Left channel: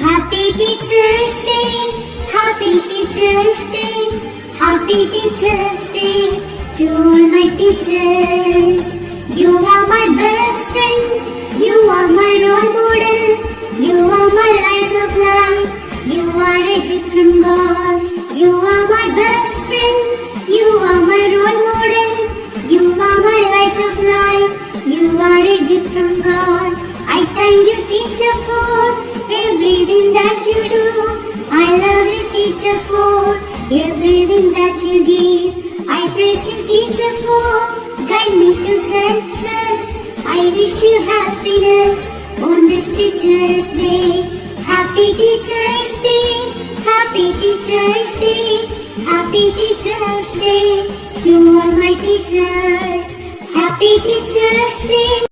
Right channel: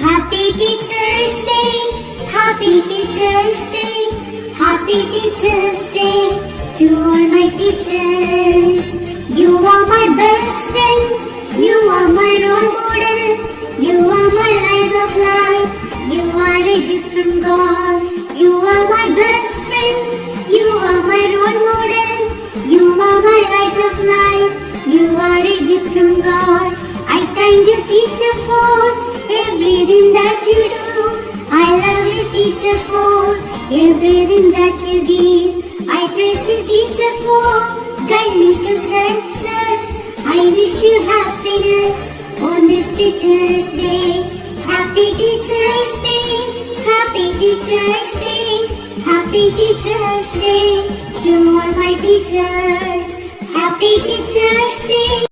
Happy Teacher's Day, Happy Teacher's Day, Happy Teacher's Day to all my teachers. You are my best friend, you are my role model, you are my light of life, you are a gift from God. You are my best friend, you are my role model, you are my light of life, you are a gift from God. I thank you, teacher, for everything that you do. I love you, teacher, for everything that you give. I praise you, teacher, for guide me to success. I wish you happiness on this Teacher's Day. Happy Teacher's Day, Happy Teacher's Day, Happy Teacher's Day to all my teachers. Happy Teacher's Day.